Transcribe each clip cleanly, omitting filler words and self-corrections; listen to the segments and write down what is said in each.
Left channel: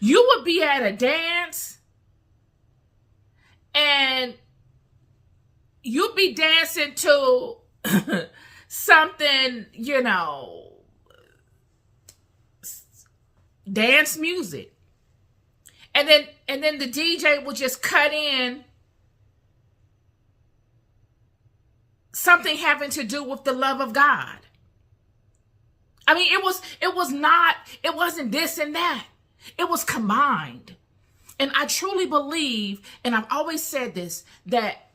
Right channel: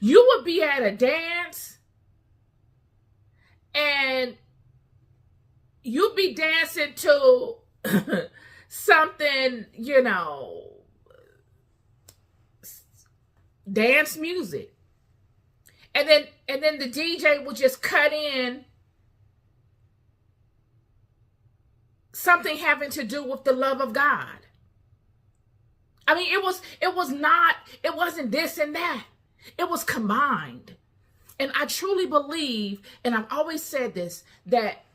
You would be at a dance and you'd be dancing to something, dance music. And then the DJ would just cut in something having to do with the love of God. I mean, it wasn't this and that. It was combined. And I truly believe, and I've always said this, that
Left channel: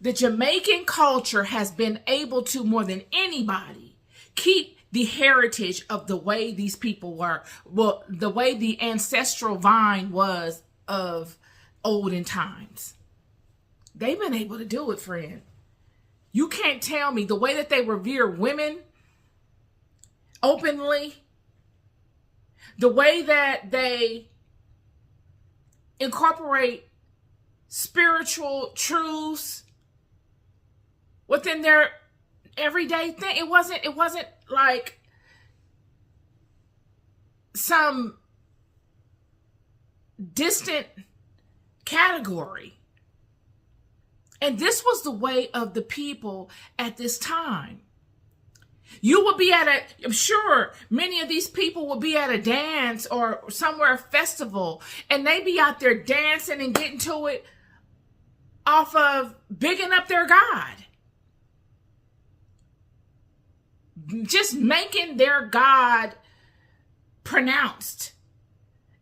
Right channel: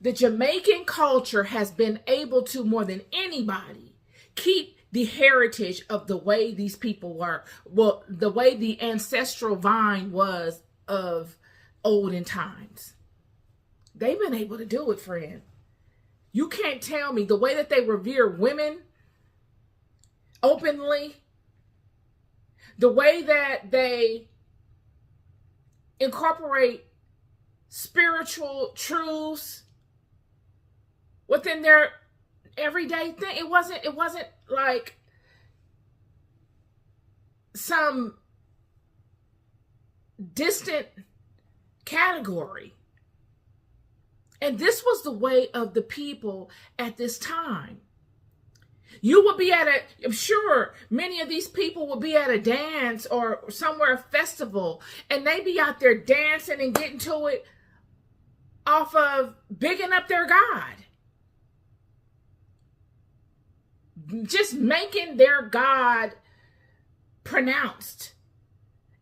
the Jamaican culture has been able to, more than anybody, keep the heritage of the way these people were, well, the way the ancestral vine was of olden times. They've been able to do it, friend. You can't tell me the way that they revere women openly, the way that they incorporate spiritual truths within their everyday thing. It wasn't like some distant category. And this was the way of the people at this time. You would be I'm sure many of these people would be at a dance or somewhere, a festival, and they be out there dancing and getting to it off of bigging up their God. Just making their God pronounced.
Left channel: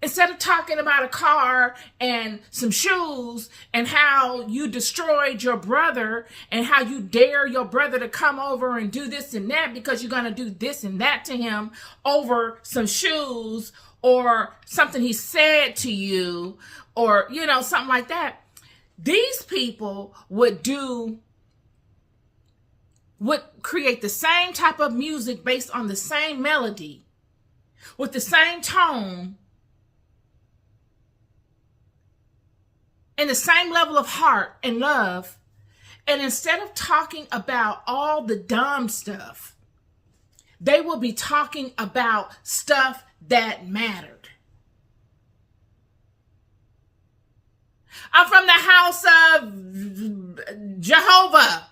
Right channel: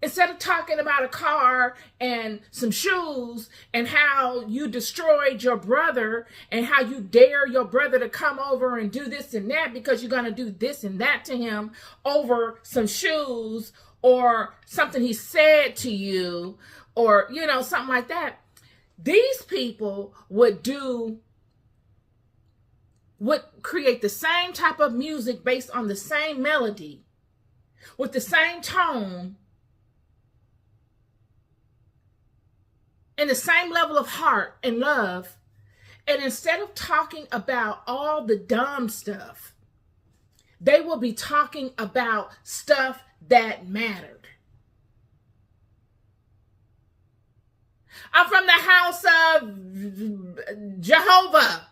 Instead of talking about a car and some shoes and how you destroyed your brother and how you dare your brother to come over and do this and that because you're going to do this and that to him over some shoes or something he said to you or, something like that. These people would create the same type of music based on the same melody with the same tone and the same level of heart and love. And instead of talking about all the dumb stuff, they will be talking about stuff that mattered. I'm from the house of Jehovah.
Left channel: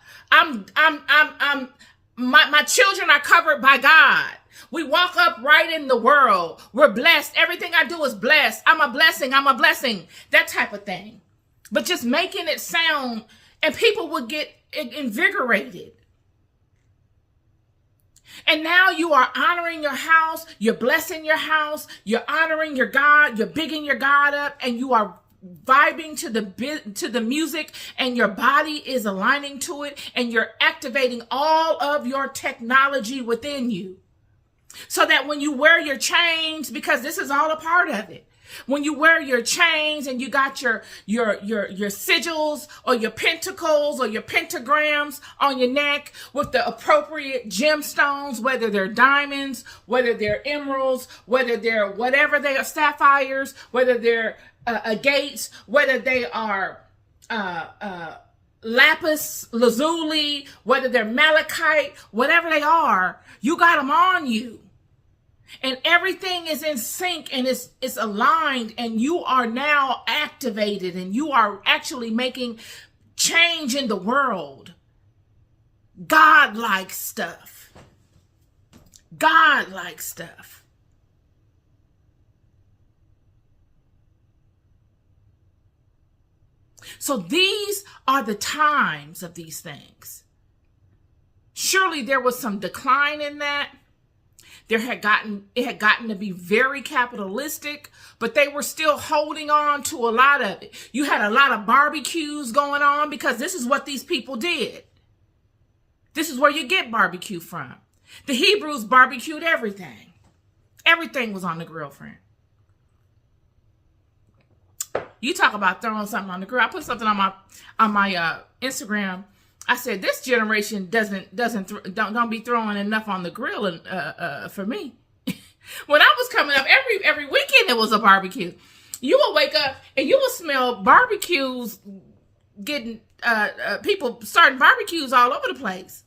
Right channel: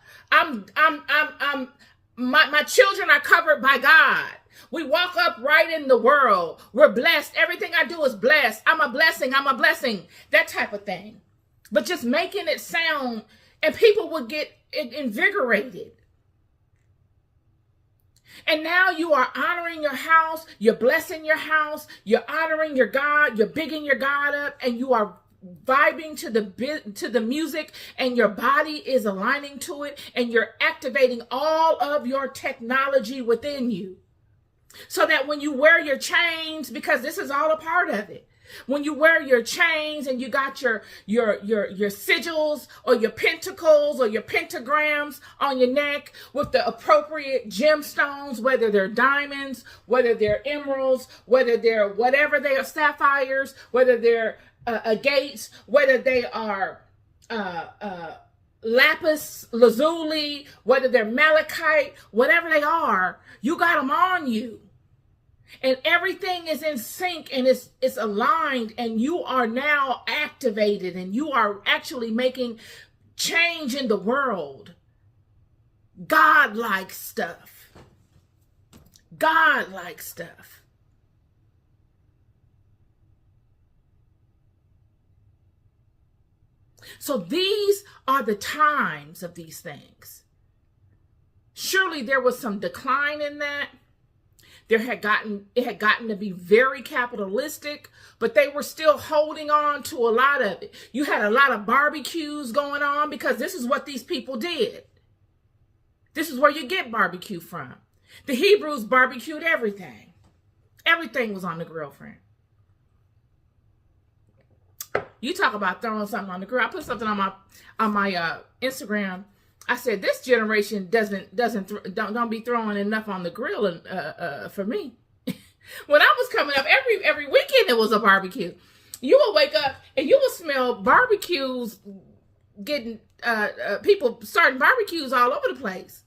My children are covered by God. We walk upright in the world. We're blessed. Everything I do is blessed. I'm a blessing. I'm a blessing. That type of thing. But just making it sound, and people would get invigorated. And now you are honoring your house. You're blessing your house. You're honoring your God. You're bigging your God up, and you are vibing to the music, and your body is aligning to it, and you're activating all of your technology within you. So that when you wear your chains, because this is all a part of it, when you wear your chains and you got your sigils or your pentacles or your pentagrams on your neck with the appropriate gemstones, whether they're diamonds, whether they're emeralds, whether they're whatever they are, sapphires, whether they're agates, whether they are lapis lazuli, whether they're malachite, whatever they are, you got them on you. And everything is in sync and it's aligned, and you are now activated and you are actually making change in the world. God-like stuff. God-like stuff. So these are the times of these things. Surely there was some decline in that. It had gotten to be very capitalistic, but they were still holding on to a lot of it. You had a lot of barbecues going on because this is what these people did. This is where you get barbecue from. The Hebrews barbecued everything. Everything was on the grill, friend. You talk about throwing something on the grill. I put something on my Instagram. I said, this generation don't be throwing enough on the grill for me. When I was coming up, every weekend there was a barbecue. You would wake up and you would smell barbecues getting people starting barbecues all over the place.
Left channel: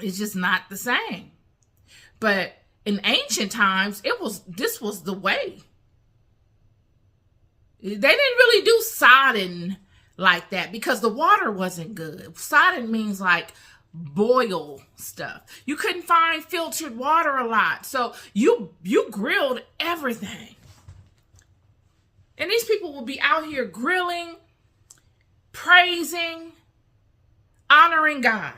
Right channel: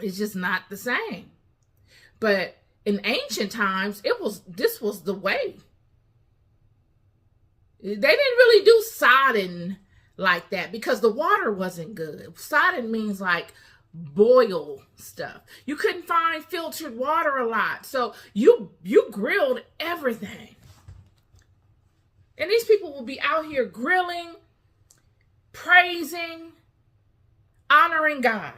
It's just not the same. But in ancient times, this was the way. They didn't really do sodden like that because the water wasn't good. Sodden means like boil stuff. You couldn't find filtered water a lot. So you grilled everything. And these people will be out here grilling, praising, honoring God.